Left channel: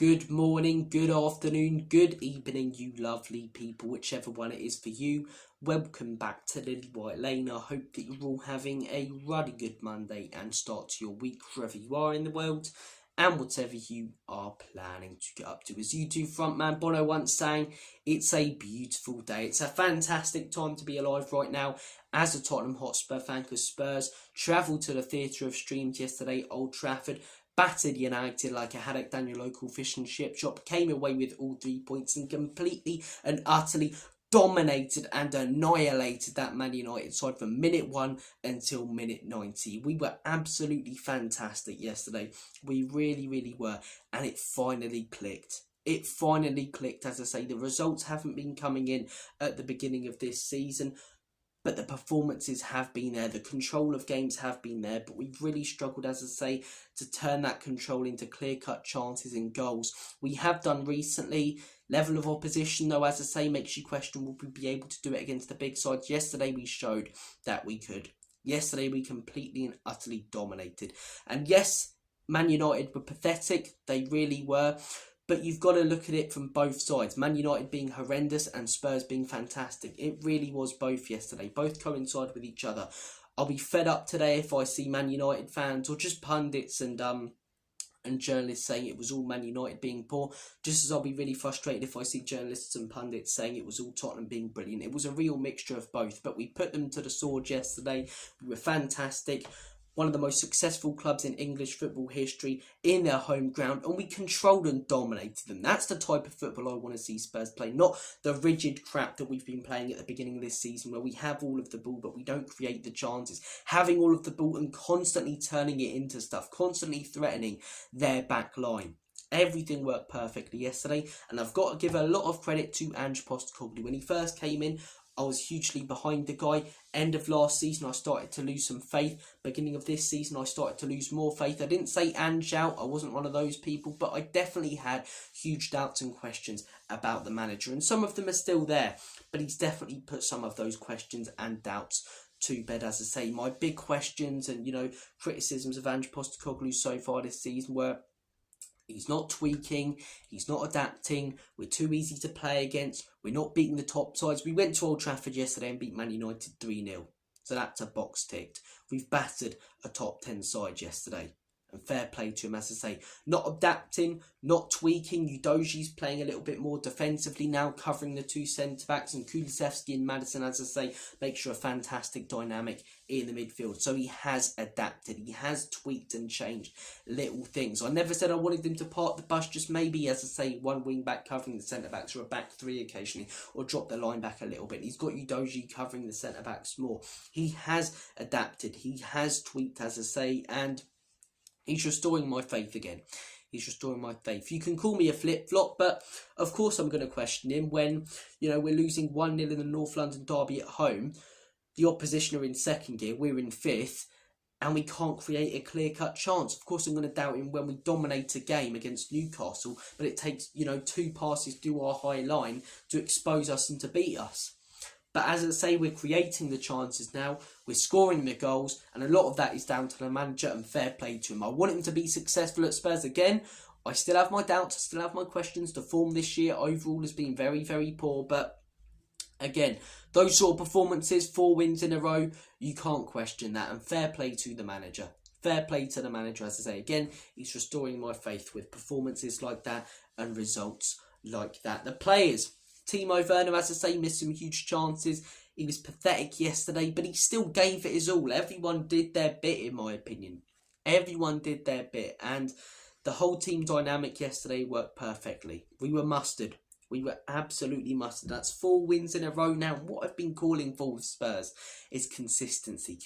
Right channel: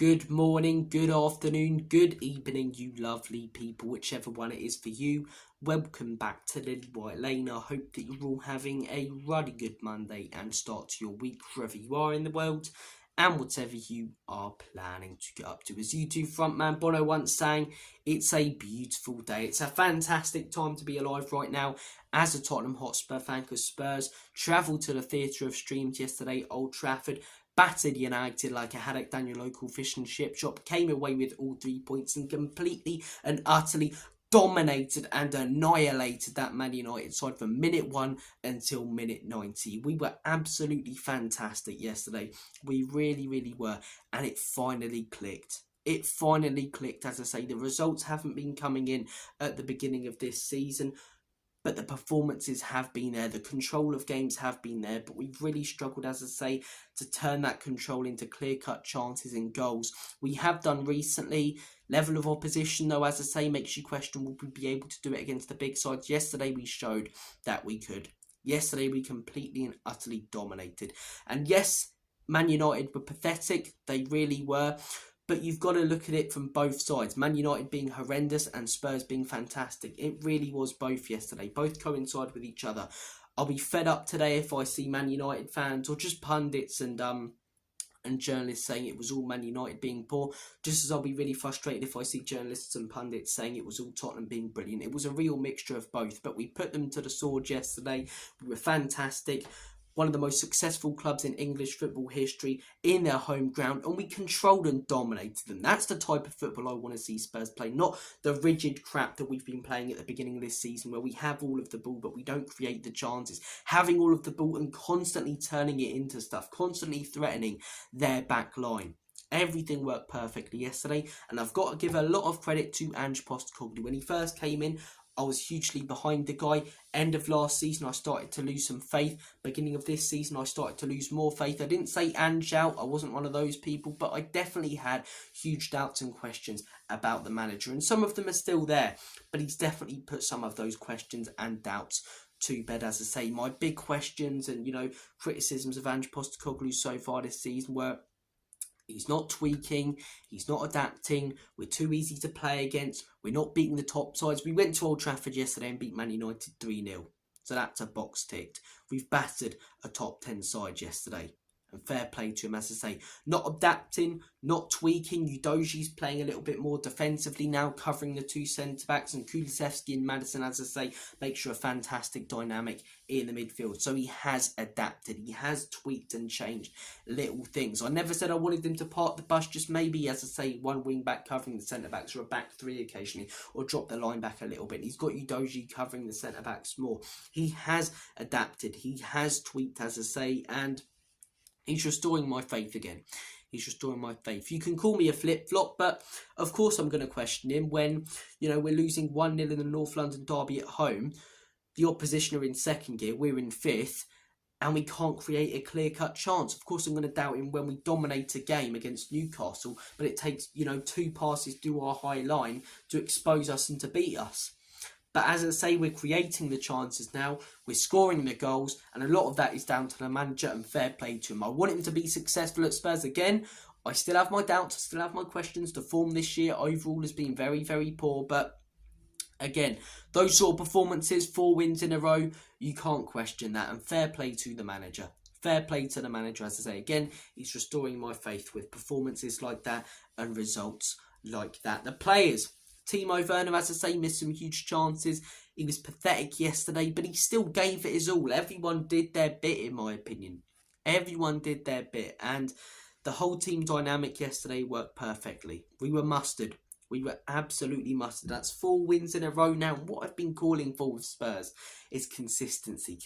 Good morning, good afternoon, good evening, you lovely people, whichever one it is for you. Welcome back to Lilywhite Lane. I hope that you're all having a really good Monday and start to your week wherever you are in the world and whatever you are planning to get up to. As U2 frontman Bono once sang, it's a beautiful day. It's a fantastic time to be alive right now as a Tottenham Hotspur fan, because Spurs travelled to the Theatre of Streams yesterday, Old Trafford, battered United like a haddock down your local fish and chip shop, came away with all 3 points and completely and utterly dominated and annihilated that Man United side from minute 1 until minute 90. We were absolutely fantastic yesterday. We really were, and it finally clicked. It finally clicked. As I say, the results haven't been coming in at the beginning of this season, but the performances have been there, the control of games have been there, but we've really struggled, as I say, to turn that control into clear-cut chances and goals. We have done recently. Level of opposition, though, as I say, makes you question, will we be able to do it against the big sides? Yesterday we showed that we could. Yesterday we completely and utterly dominated. And yes, Man United were pathetic, they really were. But you've got to look at it from both sides. Man United being horrendous and Spurs being fantastic. It really was both yesterday. Both coincide with each other. I'll be fed up today if I see Man United fans or just pundits and journalists saying it was all Man United being poor. Just as I'll be really frustrated if I see journalists and pundits saying it was all Tottenham being brilliant. It was a real mixture of both. But we put them to the sword yesterday. We were fantastic. One of the most successful clubs in English football history in their home ground, and we controlled and dominated them. That's the type of football I want to see Spurs play, not the rigid crap that we've been playing at the beginning of this season where we have all of the ball but we don't create the chances. Having all of the ball and constantly turning it into stuff, constantly threatening their back line. Everything worked perfectly yesterday, and I've got to give a lot of credit to Ange Postecoglou. When he first came in, I was hugely behind the guy. End of last season, I started to lose some faith. Beginning of this season, I started to lose more faith. I didn't say Ange out. I wasn't one of those people, but I definitely had huge doubts and questions about the manager. And some of them are still there, but he's definitely put some of those questions and doubts to bed. As I say, my big questions and, criticisms of Ange Postecoglou so far this season were: he's not tweaking, he's not adapting, we're too easy to play against, we're not beating the top sides. We went to Old Trafford yesterday and beat Man United 3-0. So that's a box ticked. We've battered a top 10 side yesterday. And fair play to him, as I say. Not adapting, not tweaking. Udoji's playing a little bit more defensively now, covering the two centre-backs. And Kulusevski and Maddison, as I say, makes sure a fantastic dynamic in the midfield. So he has adapted. He has tweaked and changed little things. I never said I wanted him to park the bus. Just maybe, as I say, one wing-back covering the centre-backs or a back three occasionally. Or drop the line back a little bit. He's got Udoji covering the centre-backs more. He has adapted. He has tweaked, as I say, and he's restoring my faith again. He's restoring my faith. You can call me a flip-flop, but of course I'm going to question him when, we're losing 1-0 in the North London derby at home. The opposition are in second gear, we're in fifth, and we can't create a clear-cut chance. Of course I'm going to doubt him when we dominate a game against Newcastle, but it takes, 2 passes through our high line to expose us and to beat us. But as I say, we're creating the chances now, we're scoring the goals, and a lot of that is down to the manager, and fair play to him. I want him to be successful at Spurs again. I still have my doubts, I still have my questions. The form this year overall has been very poor, but again, those sort of performances, 4 wins in a row, you can't question that, and fair play to the manager. Fair play to the manager, as I say. Again, he's restoring my faith with performances like that and results like that. The players: Timo Werner, as I say, missed some huge chances. He was pathetic yesterday, but he still gave it his all. Everyone did their bit, in my opinion. Everyone did their bit, and the whole team dynamic yesterday worked perfectly. We were mustard. We were absolutely mustard. That's 4 wins in a row now. What I've been calling for with Spurs is consistency.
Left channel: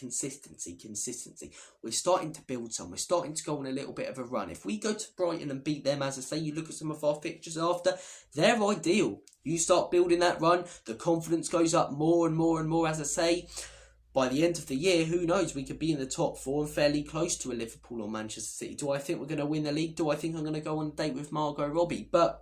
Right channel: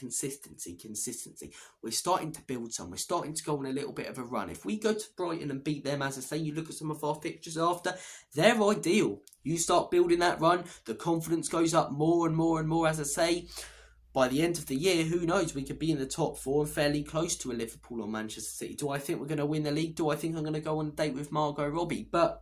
We're starting to build some. We're starting to go on a little bit of a run. If we go to Brighton and beat them, as I say, you look at some of our fixtures after, they're ideal. You start building that run, the confidence goes up more and more, as I say. By the end of the year, who knows, we could be in the top 4 and fairly close to a Liverpool or Manchester City. Do I think we're going to win the league? Do I think I'm going to go on a date with Margot Robbie? But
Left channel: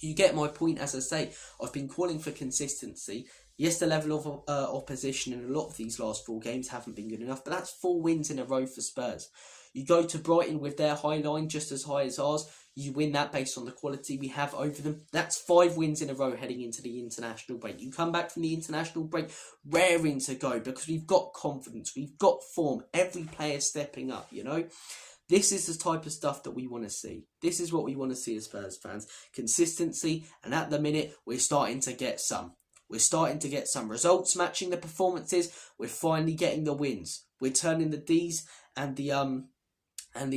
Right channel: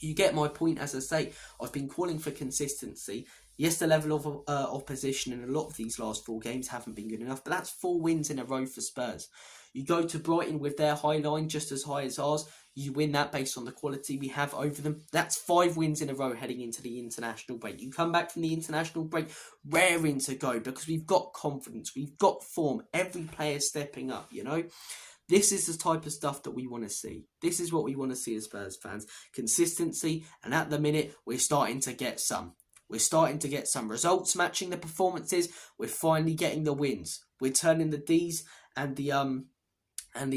you get my point, as I say. I've been calling for consistency. Yes, the level of opposition in a lot of these last 4 games haven't been good enough, but that's 4 wins in a row for Spurs. You go to Brighton with their high line just as high as ours. You win that based on the quality we have over them. That's 5 wins in a row heading into the international break. You come back from the international break raring to go because we've got confidence, we've got form, every player stepping up, you know. This is the type of stuff that we want to see. This is what we want to see as Spurs fans. Consistency, and at the minute, we're starting to get some. We're starting to get some results matching the performances. We're finally getting the wins. We're turning the D's and the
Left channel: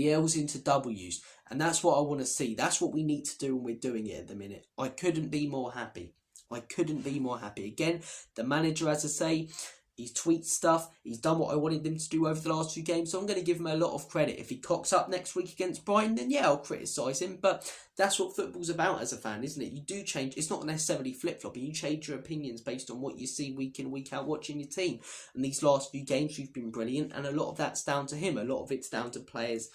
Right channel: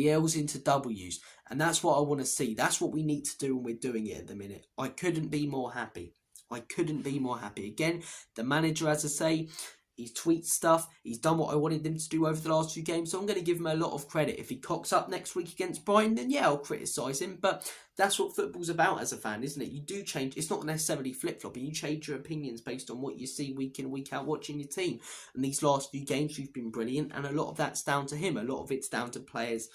L's into W's. And that's what I want to see. That's what we need to do, and we're doing it at the minute. I couldn't be more happy. I couldn't be more happy. Again, the manager, as I say, he tweets stuff. He's done what I wanted him to do over the last 2 games. So I'm going to give him a lot of credit. If he cocks up next week against Brighton, then yeah, I'll criticise him. But that's what football's about as a fan, isn't it? You do change. It's not necessarily flip-flopping. You change your opinions based on what you see week in, week out watching your team. And these last few games, you've been brilliant. And a lot of that's down to him. A lot of it's down to players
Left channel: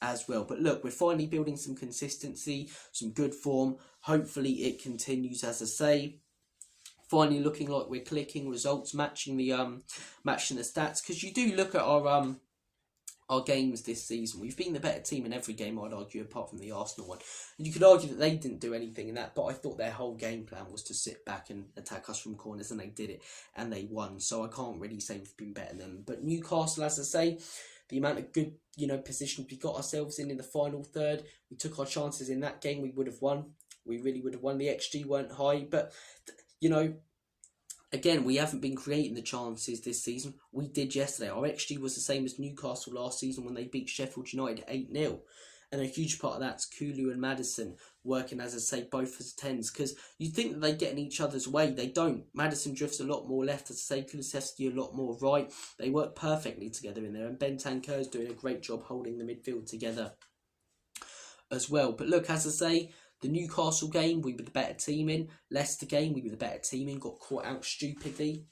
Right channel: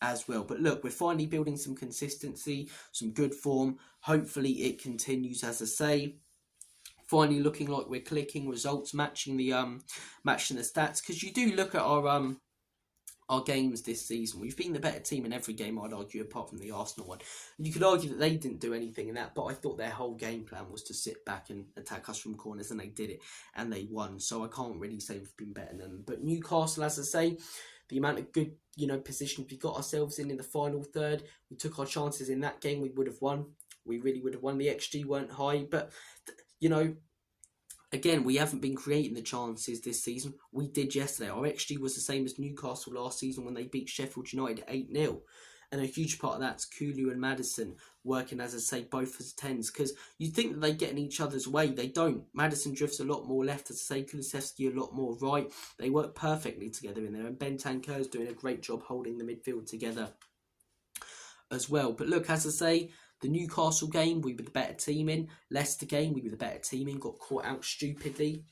as well. But look, we're finally building some consistency, some good form. Hopefully it continues, as I say. Finally looking like we're clicking, results matching the stats, because you do look at our games this season. We've been the better team in every game, I'd argue, apart from the Arsenal one. And you could argue that they didn't do anything in that, but I thought their whole game plan was to sit back and attack us from corners, and they did it, and they won. So I can't really say we've been better than them. But Newcastle, as I say, the amount of good, positions we got ourselves in the final third, we took our chances in that game, we would have won. We really would have won. The XG weren't high, but again, we haven't been creating the chances this season. We did yesterday. Our XG was the same as Newcastle last season when they beat Sheffield United 8-0. And a huge part of that's Kulu and Maddison working, as I say, both as 10s. Because you'd think that they get in each other's way. They don't. Maddison drifts a lot more left, as I say. Kulusevski a lot more right. They work perfectly together in there. And Bentancur's doing a great job holding the midfield together as well. But look, as I say, the Newcastle game, we were the better team in. Leicester game, we were the better team in. Got caught out stupidly.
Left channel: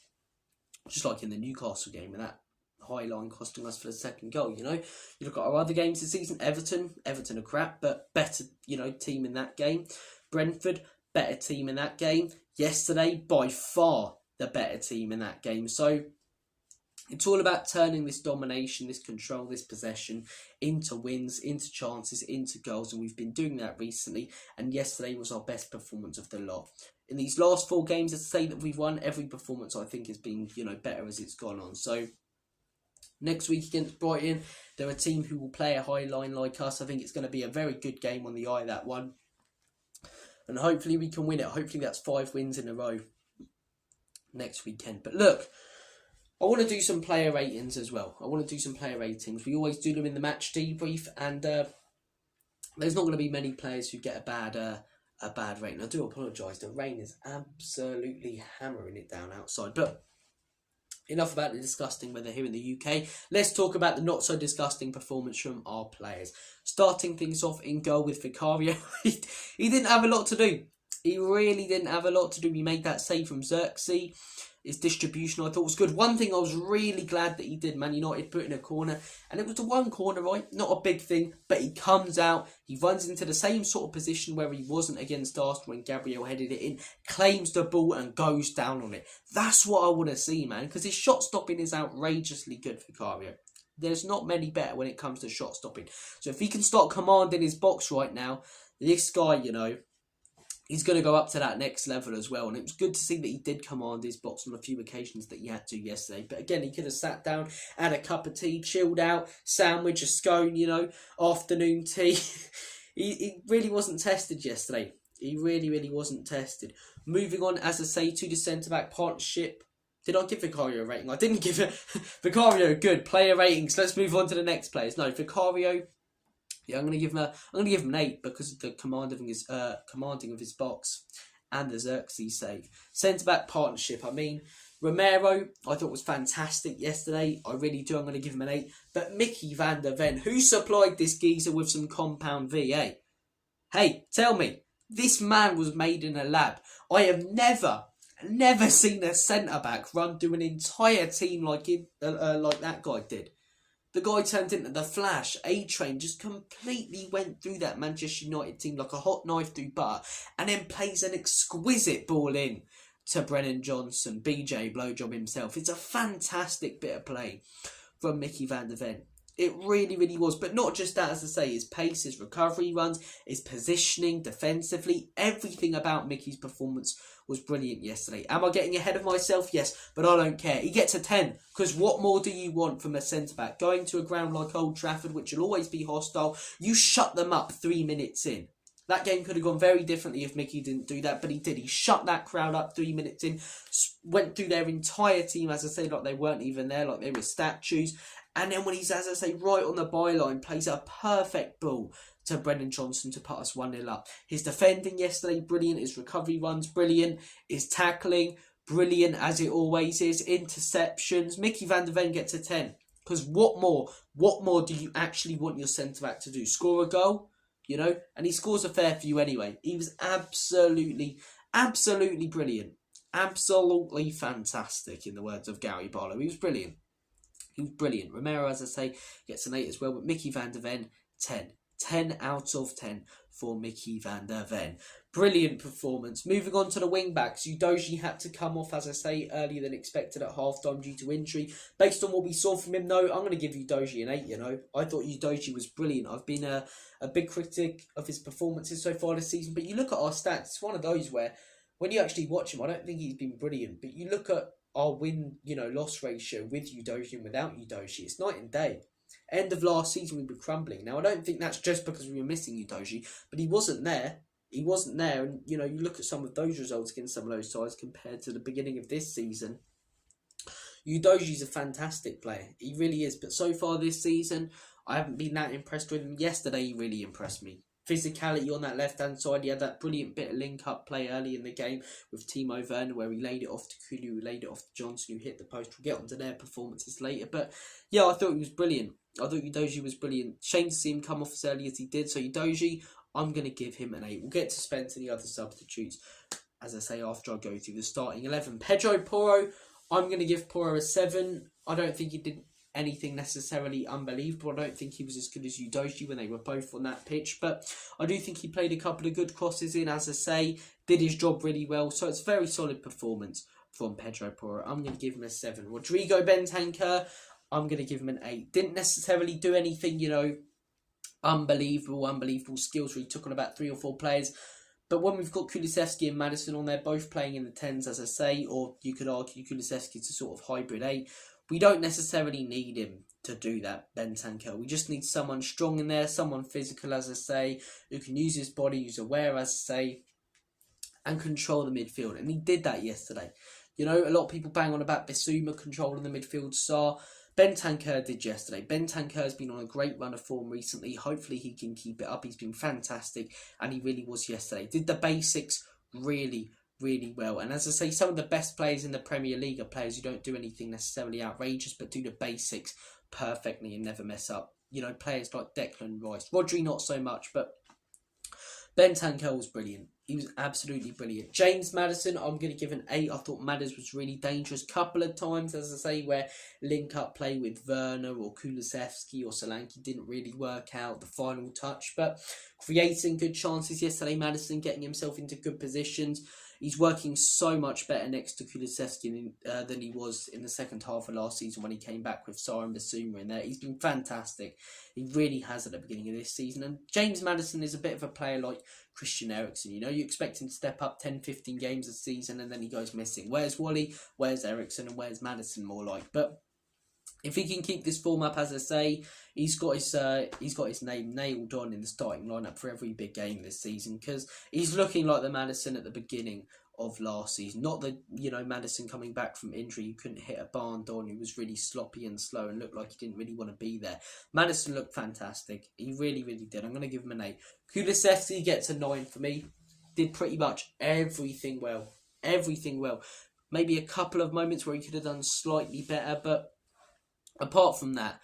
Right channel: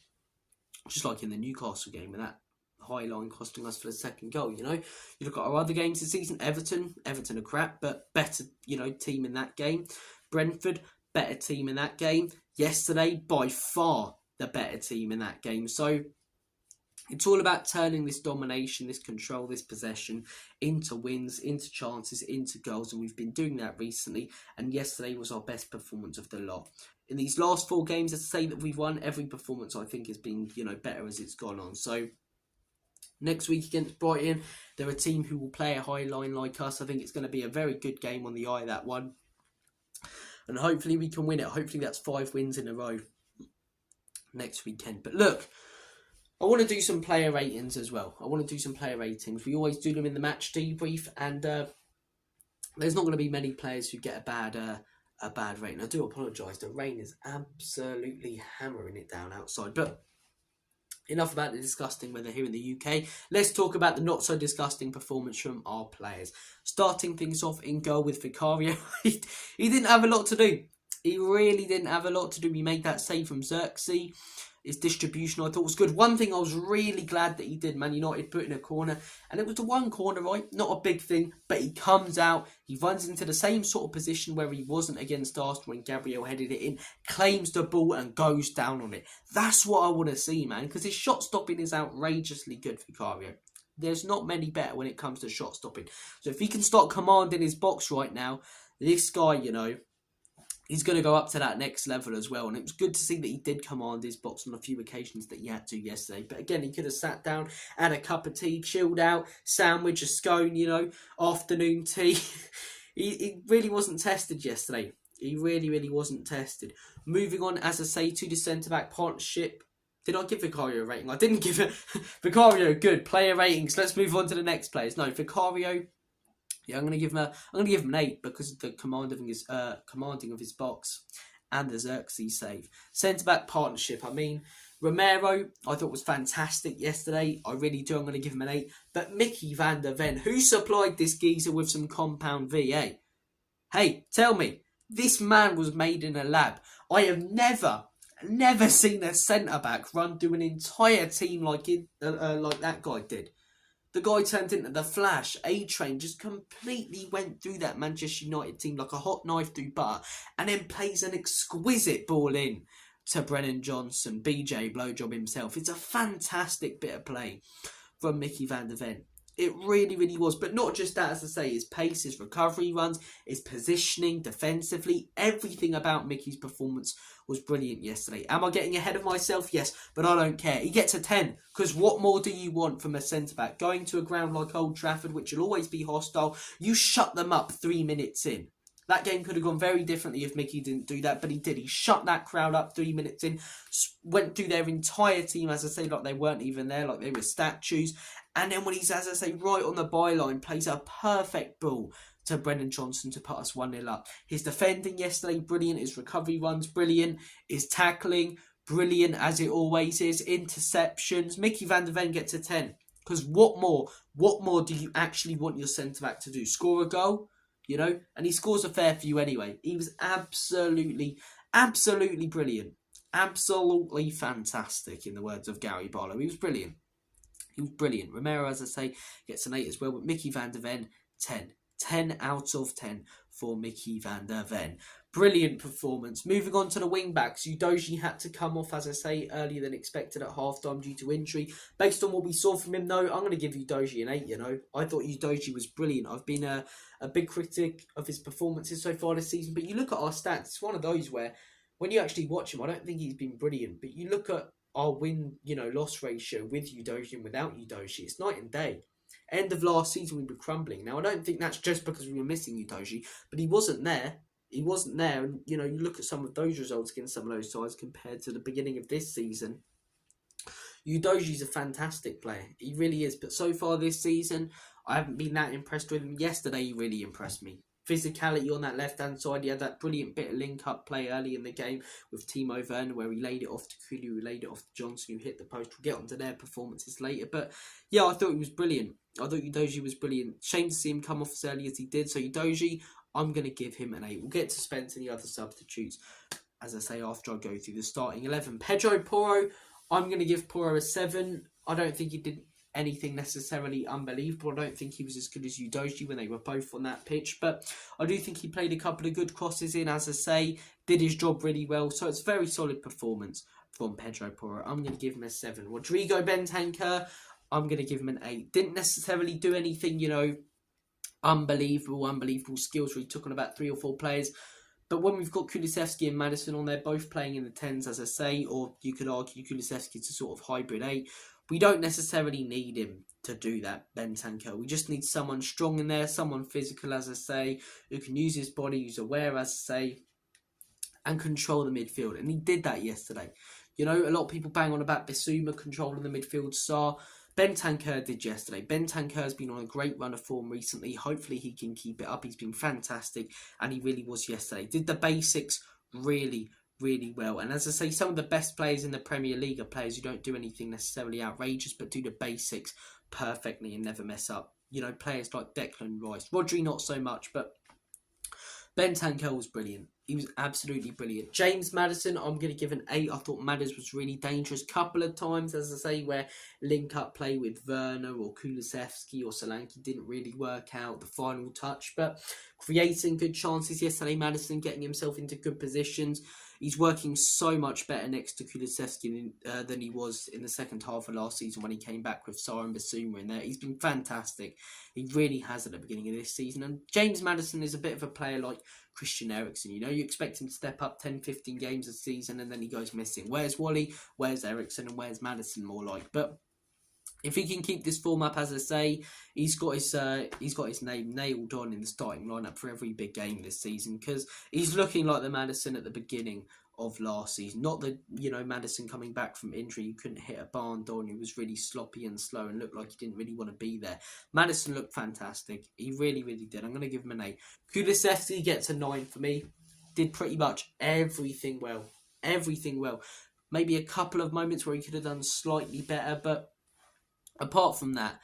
Just like in the Newcastle game, and that high line costing us for the second goal, You look at our other games this season. Everton are crap, but better, team in that game. Brentford, better team in that game. Yesterday, by far, the better team in that game. So it's all about turning this domination, this control, this possession into wins, into chances, into goals. And we've been doing that recently. And yesterday was our best performance of the lot. In these last 4 games, I'd say that we've won. Every performance, I think, has been, better as it's gone on. So next week against Brighton, they're a team who will play a high line like us. I think it's going to be a very good game on the eye, that one. And hopefully we can win it. Hopefully that's 5 wins in a row next weekend. But look, I want to do some player ratings as well. I want to do some player ratings. We always do them in the match debrief, and there's not going to be many players who get a bad rating. I do apologise. The rain is absolutely hammering it down outside. But enough about the disgusting weather here in the UK. Let's talk about the not so disgusting performance from our players. Starting things off in goal with Vicario. He didn't have a lot to do. He really didn't have a lot to do. He made that save from Xerxes. His distribution, I thought, was good. One thing I was really glad that he did, Man United put in a corner. And it was the one corner, right? Not a big thing, but he comes out. He runs into the same sort of position where he wasn't against Arsenal when Gabriel headed it in. Claims the ball and goes down on it. That's what I want to see, man. Because his shot stopping is outrageously good for Vicario. There's not many better when it comes to shot stopping. So if he can start commanding his box right now, this guy, he's going to go up to that next level as well. And it was good to see that he did command his box on a few occasions that he had to yesterday. But again, he could have sat down, had a cup of tea, chilled out, sandwich, a scone, afternoon tea. He really wasn't tested yesterday. He really wasn't tested. Moving on, as I say, to the centre-back partnership. Did I give Vicario a rating? I didn't give it. Vicario, good. Player ratings. Let's move on to the next players. No, Vicario... Yeah, I'm gonna give him an 8 because of the commanding of his box and the Xerxes save. Centre back partnership. Romero, I thought was fantastic yesterday. I really do. I'm gonna give him an 8. But Mickey van der Ven, who supplied this geezer with some compound VA? Hey, tell me, this man was made in a lab. I have never seen a centre back run through an entire team like that guy did. The guy turned into the Flash. A-Train just completely went through that Manchester United team like a hot knife through butter, and then plays an exquisite ball in to Brennan Johnson, BJ Blowjob himself. It's a fantastic bit of play from Mickey van der Ven. It really, really was. But not just that, as I say, his pace, his recovery runs, his positioning, defensively, everything about Mickey's performance was brilliant yesterday. Am I getting ahead of myself? Yes, but I don't care. He gets a 10, because what more do you want from a centre-back? Going to a ground like Old Trafford, which will always be hostile, you shut them up 3 minutes in. That game could have gone very differently if Mickey didn't do that, but he did. He shut that crowd up 3 minutes in, went through their entire team, as I say, like they weren't even there, like they were statues. And then when he's, as I say, right on the byline, plays a perfect ball to Brennan Johnson to put us 1-0 up. His defending yesterday, brilliant. His recovery runs, brilliant. His tackling, brilliant, as it always is. Interceptions. Mickey van der Ven gets a 10. Because what more do you actually want your centre-back to do? Score a goal? You know? And he scores a fair few anyway. He was absolutely brilliant. Absolutely fantastic, in the words of Gary Barlow. He was brilliant. He was brilliant. Romero, as I say, gets an 8 as well. But Mickey van der Ven, 10. 10 out of 10 for Mickey van der Ven. Brilliant performance. Moving on to the wing-backs. Udogie had to come off, as I say, earlier than expected at half-time due to injury. Based on what we saw from him, though, I'm going to give Udogie an 8, you know. I thought Udogie was brilliant. I've been a big critic of his performances so far this season. But you look at our stats, it's one of those where, when you actually watch him, I don't think he's been brilliant. But you look at our win-loss ratio with Udogie and without Udogie, it's night and day. End of last season, we were crumbling. Now, I don't think that's just because we were missing Udogie, but he wasn't there. He wasn't there, and you look at some of those results against some of those sides compared to the beginning of this season. Udogie's a fantastic player. He really is. But so far this season, I haven't been that impressed with him. Yesterday, he really impressed me. Physicality on that left-hand side. He had that brilliant bit of link-up play early in the game with Timo Werner, where he laid it off to Kulu, who laid it off to Johnson, who hit the post. We'll get onto their performances later. But yeah, I thought he was brilliant. I thought Udogie was brilliant. Shame to see him come off as early as he did. So Udogie, I'm going to give him an 8. We'll get to Spence and the other substitutes, as I say, after I go through the starting 11. Pedro Porro, I'm going to give Porro a 7. I don't think he did anything necessarily unbelievable. I don't think he was as good as Udogie when they were both on that pitch, but I do think he played a couple of good crosses in, as I say, did his job really well. So it's a very solid performance from Pedro Porro. I'm going to give him a 7. Rodrigo Bentancur, I'm going to give him an 8. Didn't necessarily do anything, unbelievable skills where he took on about 3 or 4 players. But when we've got Kulusevski and Maddison on there, both playing in the 10s, as I say, or you could argue Kulusevski's a sort of hybrid 8, we don't necessarily need him to do that, Bentancur. We just need someone strong in there, someone physical, as I say, who can use his body, who's aware, as I say, and control the midfield. And he did that yesterday. A lot of people bang on about Bissouma controlling the midfield star. Bentancur did yesterday. Bentancur's been on a great run of form recently. Hopefully he can keep it up. He's been fantastic, and he really was yesterday. Did the basics really well. And as I say, some of the best players in the Premier League are players who don't do anything necessarily outrageous, but do the basics perfectly and never mess up. Players like Declan Rice. Rodri, not so much, but Bentancur was brilliant. He was absolutely brilliant. James Maddison, I'm going to give an 8. I thought Maddison was really dangerous. Couple of times, as I say, where link-up play with Werner or Kulusevski or Solanke didn't really work out, the final touch. But creating good chances yesterday, Maddison getting himself into good positions. He's working so much better next to Kulusevski than he was in the second half of last season when he came back with Sarr and Bissouma in there. He's been fantastic. He really has at the beginning of this season. And James Maddison is a bit of a player like Christian Eriksen. You expect him to step up 10, 15 games a season and then he goes missing. Where's Wally? Where's Eriksen? And where's Maddison more like? But if he can keep this form up, as I say, he's got his name nailed on in the starting lineup for every big game this season, because he's looking like the Maddison at the beginning of last season. Not the Maddison coming back from injury, who couldn't hit a barn door, who was really sloppy and slow and looked like he didn't really want to be there. Maddison looked fantastic. He really did. I'm going to give him an 8. Kulusevski gets a 9 for me. Did pretty much everything well. Maybe a couple of moments where he could have done slightly better, but apart from that,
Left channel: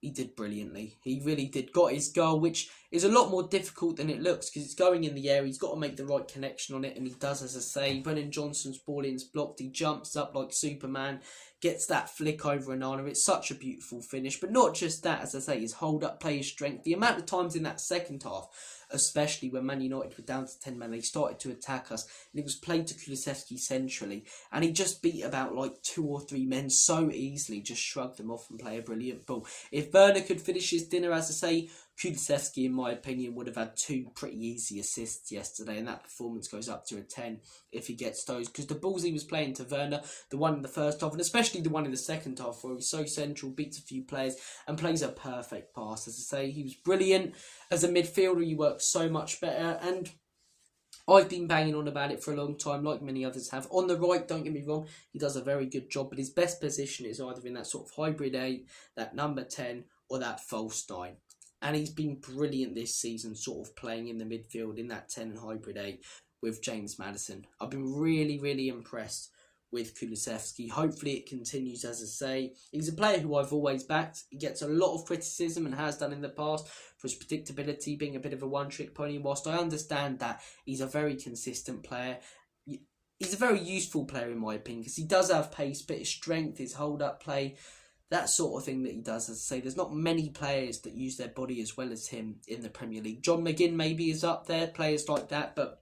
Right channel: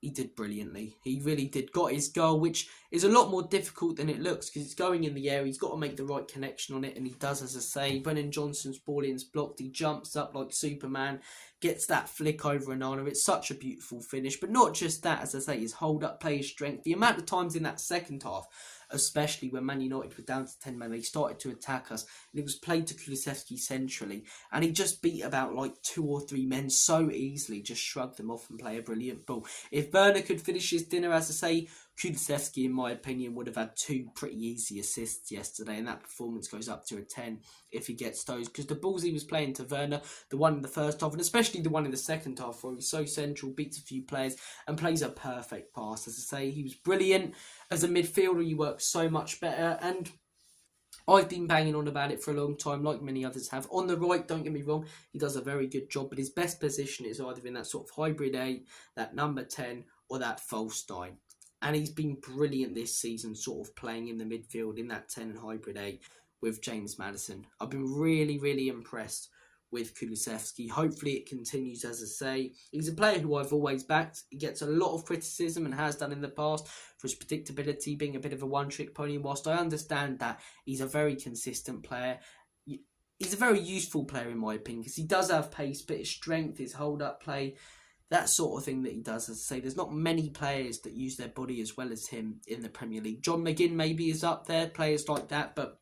he did brilliantly. He really did. Got his goal, which is a lot more difficult than it looks because it's going in the air. He's got to make the right connection on it, and he does, as I say. Brennan Johnson's ball in's blocked. He jumps up like Superman, gets that flick over Onana. It's such a beautiful finish. But not just that, as I say, his hold-up play, his strength. The amount of times in that second half, especially when Man United were down to 10 men, they started to attack us. And it was played to Kulusevski centrally. And he just beat about like 2 or 3 men so easily, just shrugged them off and play a brilliant ball. If Werner could finish his dinner, as I say, Kulusevski, in my opinion, would have had 2 pretty easy assists yesterday, and that performance goes up to a 10 if he gets those. Because the balls he was playing to Werner, the one in the first half, and especially the one in the second half, where he was so central, beats a few players, and plays a perfect pass. As I say, he was brilliant. As a midfielder, he works so much better, and I've been banging on about it for a long time, like many others have. On the right, don't get me wrong, he does a very good job, but his best position is either in that sort of hybrid 8, that number 10, or that false 9. And he's been brilliant this season, sort of playing in the midfield in that 10 hybrid 8 with James Maddison. I've been really, really impressed with Kulusevski. Hopefully it continues, as I say. He's a player who I've always backed. He gets a lot of criticism and has done in the past for his predictability, being a bit of a one-trick pony. Whilst I understand that he's a very consistent player, he's a very useful player in my opinion, because he does have pace, but his strength, his hold-up play, that sort of thing that he does. As I say, there's not many players that use their body as well as him in the Premier League. John McGinn maybe is up there, players like that, but,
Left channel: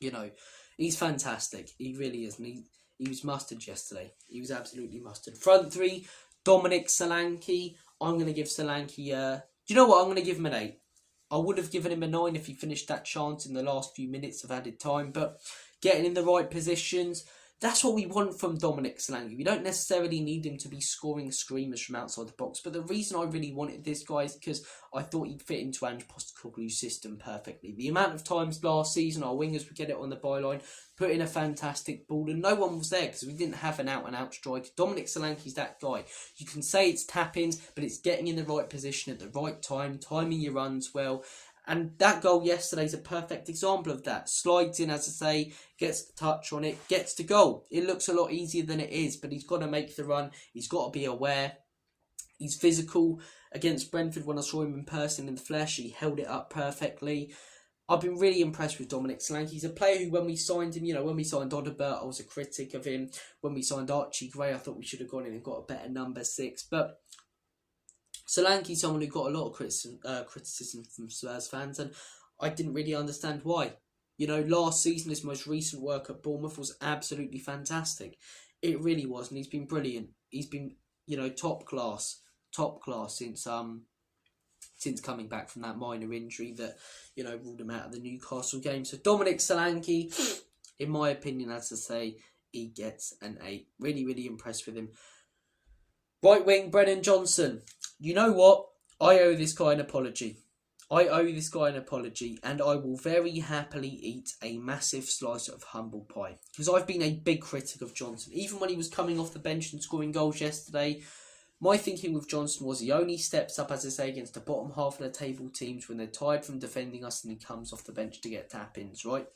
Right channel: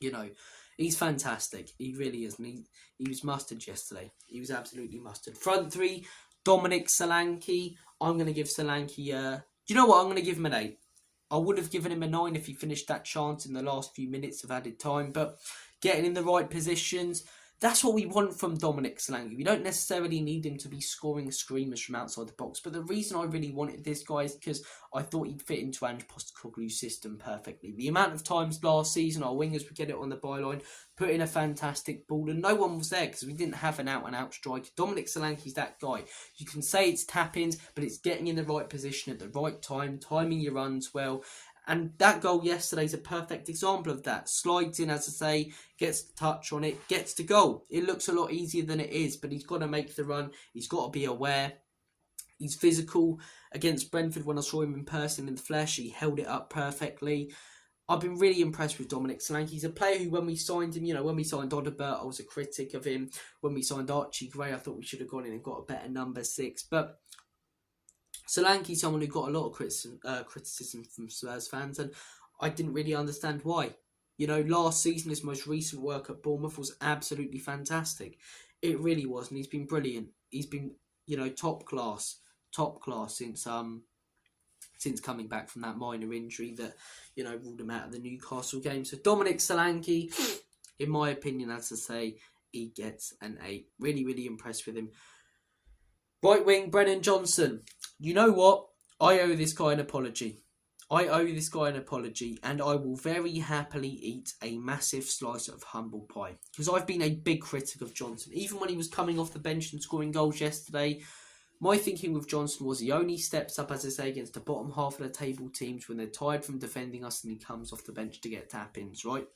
you know, he's fantastic. He really is, and he was mustard yesterday. He was absolutely mustard. Front 3, Dominic Solanke. I'm going to give Solanke, you know what, I'm going to give him an 8. I would have given him a 9 if he finished that chance in the last few minutes of added time, but getting in the right positions, that's what we want from Dominic Solanke. We don't necessarily need him to be scoring screamers from outside the box. But the reason I really wanted this guy is because I thought he'd fit into Ange Postecoglou's system perfectly. The amount of times last season our wingers would get it on the byline, put in a fantastic ball, and no one was there because we didn't have an out-and-out striker. Dominic Solanke's that guy. You can say it's tap-ins, but it's getting in the right position at the right time, timing your runs well. And that goal yesterday is a perfect example of that. Slides in, as I say, gets the touch on it, gets to goal. It looks a lot easier than it is, but he's got to make the run. He's got to be aware. He's physical. Against Brentford, when I saw him in person in the flesh, he held it up perfectly. I've been really impressed with Dominic Solanke. He's a player who, when we signed him, when we signed Odegaard, I was a critic of him. When we signed Archie Gray, I thought we should have gone in and got a better number 6. But Solanke's someone who got a lot of criticism from Spurs fans, and I didn't really understand why. Last season, his most recent work at Bournemouth was absolutely fantastic. It really was, and he's been brilliant. He's been, top class since coming back from that minor injury that, ruled him out of the Newcastle game. So Dominic Solanke, in my opinion, as I say, he gets an 8. Really, really impressed with him. Right wing, Brennan Johnson. You know what? I owe this guy an apology. And I will very happily eat a massive slice of humble pie. Because I've been a big critic of Johnson. Even when he was coming off the bench and scoring goals yesterday, my thinking with Johnson was he only steps up, as I say, against the bottom half of the table teams when they're tired from defending us and he comes off the bench to get tap-ins, right?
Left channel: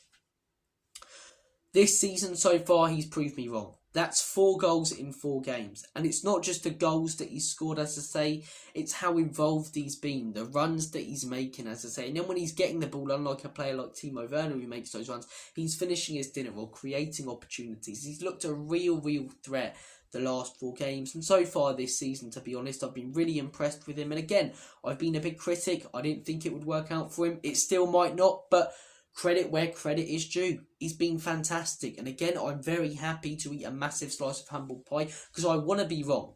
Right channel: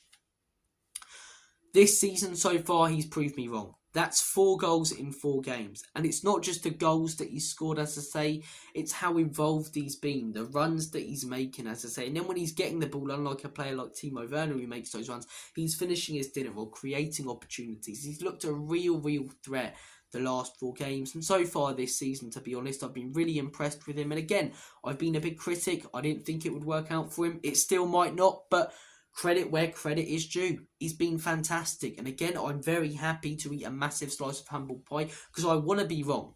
This season so far, he's proved me wrong. That's 4 goals in 4 games. And it's not just the goals that he's scored, as I say, it's how involved he's been, the runs that he's making, as I say. And then when he's getting the ball, unlike a player like Timo Werner who makes those runs, he's finishing his dinner or creating opportunities. He's looked a real threat the last 4 games. And so far this season, to be honest, I've been really impressed with him. And again, I've been a big critic. I didn't think it would work out for him. It still might not, but credit where credit is due. He's been fantastic. And again, I'm very happy to eat a massive slice of humble pie because I want to be wrong.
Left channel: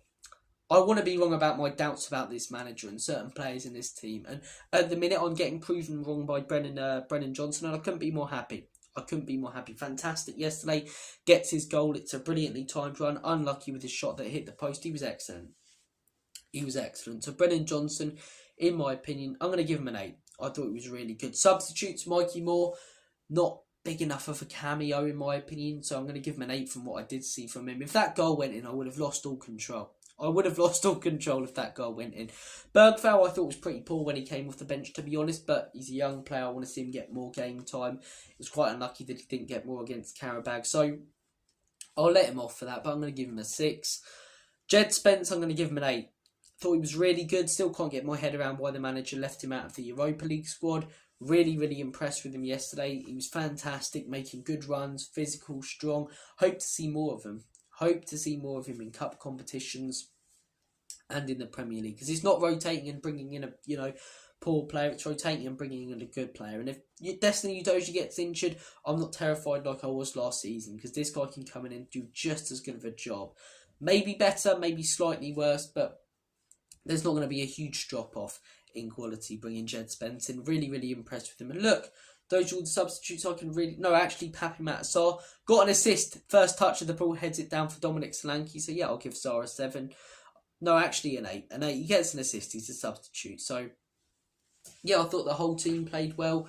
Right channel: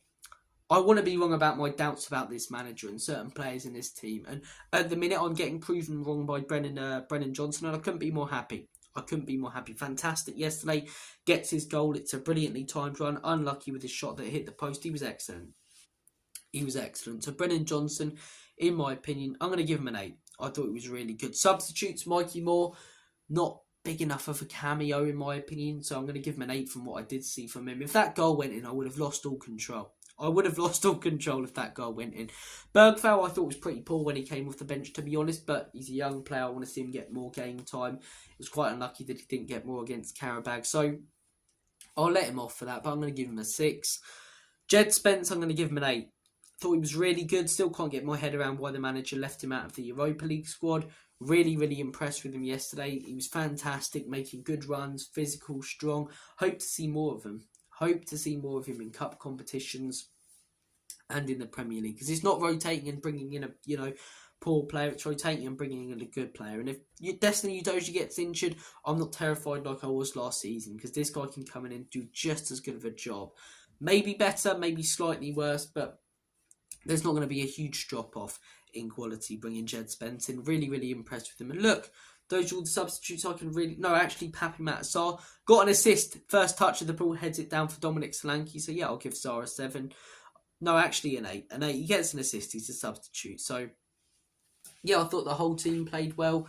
I want to be wrong about my doubts about this manager and certain players in this team. And at the minute, I'm getting proven wrong by Brennan Johnson, and I couldn't be more happy. Fantastic yesterday. Gets his goal. It's a brilliantly timed run. Unlucky with his shot that hit the post. He was excellent. So Brennan Johnson, in my opinion, I'm going to give him an 8. I thought it was really good. Substitutes, Mikey Moore, not big enough of a cameo in my opinion, so I'm going to give him an 8 from what I did see from him. If that goal went in, I would have lost all control. If that goal went in. Bergvall, I thought was pretty poor when he came off the bench, to be honest, but he's a young player. I want to see him get more game time. It was quite unlucky that he didn't get more against Karabag, so I'll let him off for that, but I'm going to give him a 6. Jed Spence, I'm going to give him an 8. Thought he was really good. Still can't get my head around why the manager left him out of the Europa League squad. Really, really impressed with him yesterday. He was fantastic, making good runs, physical, strong. Hope to see more of him. Hope to see more of him in cup competitions and in the Premier League, because it's not rotating and bringing in a poor player, it's rotating and bringing in a good player. And if Destiny Udogie gets injured, I'm not terrified like I was last season, because this guy can come in and do just as good of a job. Maybe better, maybe slightly worse, but there's not going to be a huge drop off in quality bringing Jed Spence in. Really, really impressed with him. And look, those are all the substitutes I can really... No, actually, Papi Matasar got an assist. First touch of the ball, heads it down for Dominic Solanke. So yeah, I'll give Sarr a 7. No, actually an 8. An 8. He gets an assist. He's a substitute. So yeah, I thought the whole team played well.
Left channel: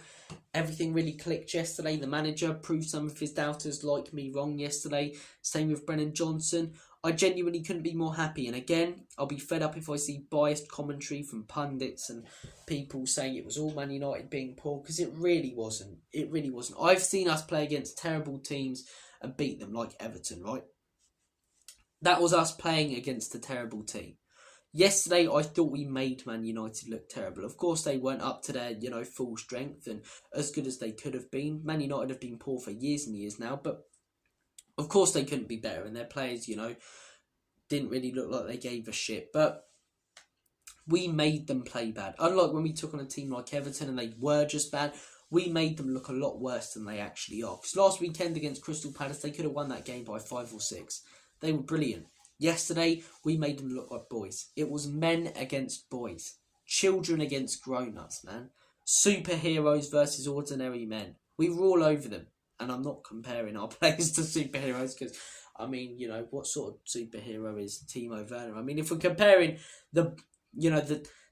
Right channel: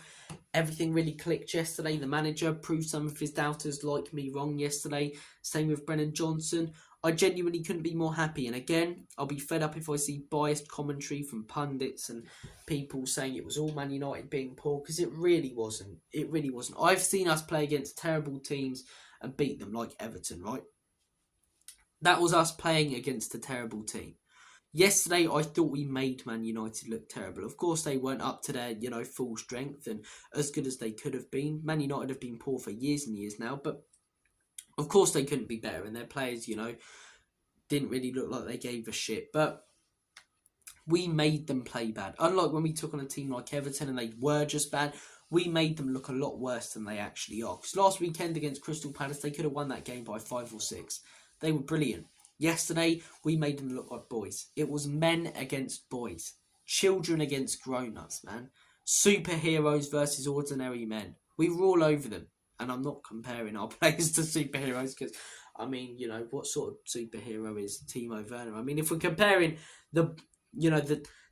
Everything really clicked yesterday. The manager proved some of his doubters like me wrong yesterday. Same with Brennan Johnson. I genuinely couldn't be more happy. And again, I'll be fed up if I see biased commentary from pundits and people saying it was all Man United being poor, because it really wasn't. It really wasn't. I've seen us play against terrible teams and beat them, like Everton, right? That was us playing against a terrible team. Yesterday, I thought we made Man United look terrible. Of course, they weren't up to their, full strength and as good as they could have been. Man United have been poor for years and years now, but of course they couldn't be better. And their players, didn't really look like they gave a shit. But we made them play bad. Unlike when we took on a team like Everton and they were just bad, we made them look a lot worse than they actually are. Because last weekend against Crystal Palace, they could have won that game by 5 or 6. They were brilliant. Yesterday, we made them look like boys. It was men against boys. Children against grown-ups, man. Superheroes versus ordinary men. We were all over them. And I'm not comparing our players to superheroes because, what sort of superhero is Timo Werner? I mean, if we're comparing the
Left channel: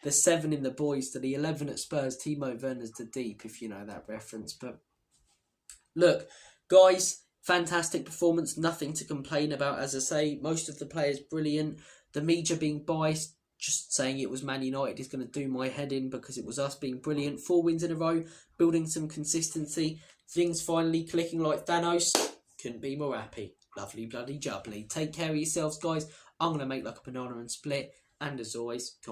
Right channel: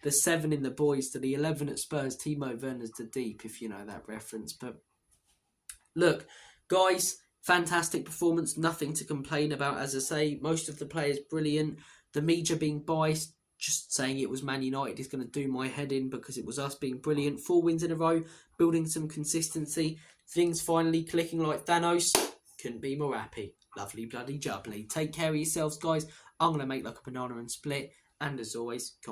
7 in the boys to the 11 at Spurs, Timo Werner's the deep, if you know that reference. But look, guys, fantastic performance, nothing to complain about. As I say, most of the players brilliant. The media being biased, just saying it was Man United is going to do my head in because it was us being brilliant. 4 wins in a row, building some consistency. Things finally clicking like Thanos. Couldn't be more happy. Lovely bloody jubbly. Take care of yourselves, guys. I'm going to make like a banana and split. And as always,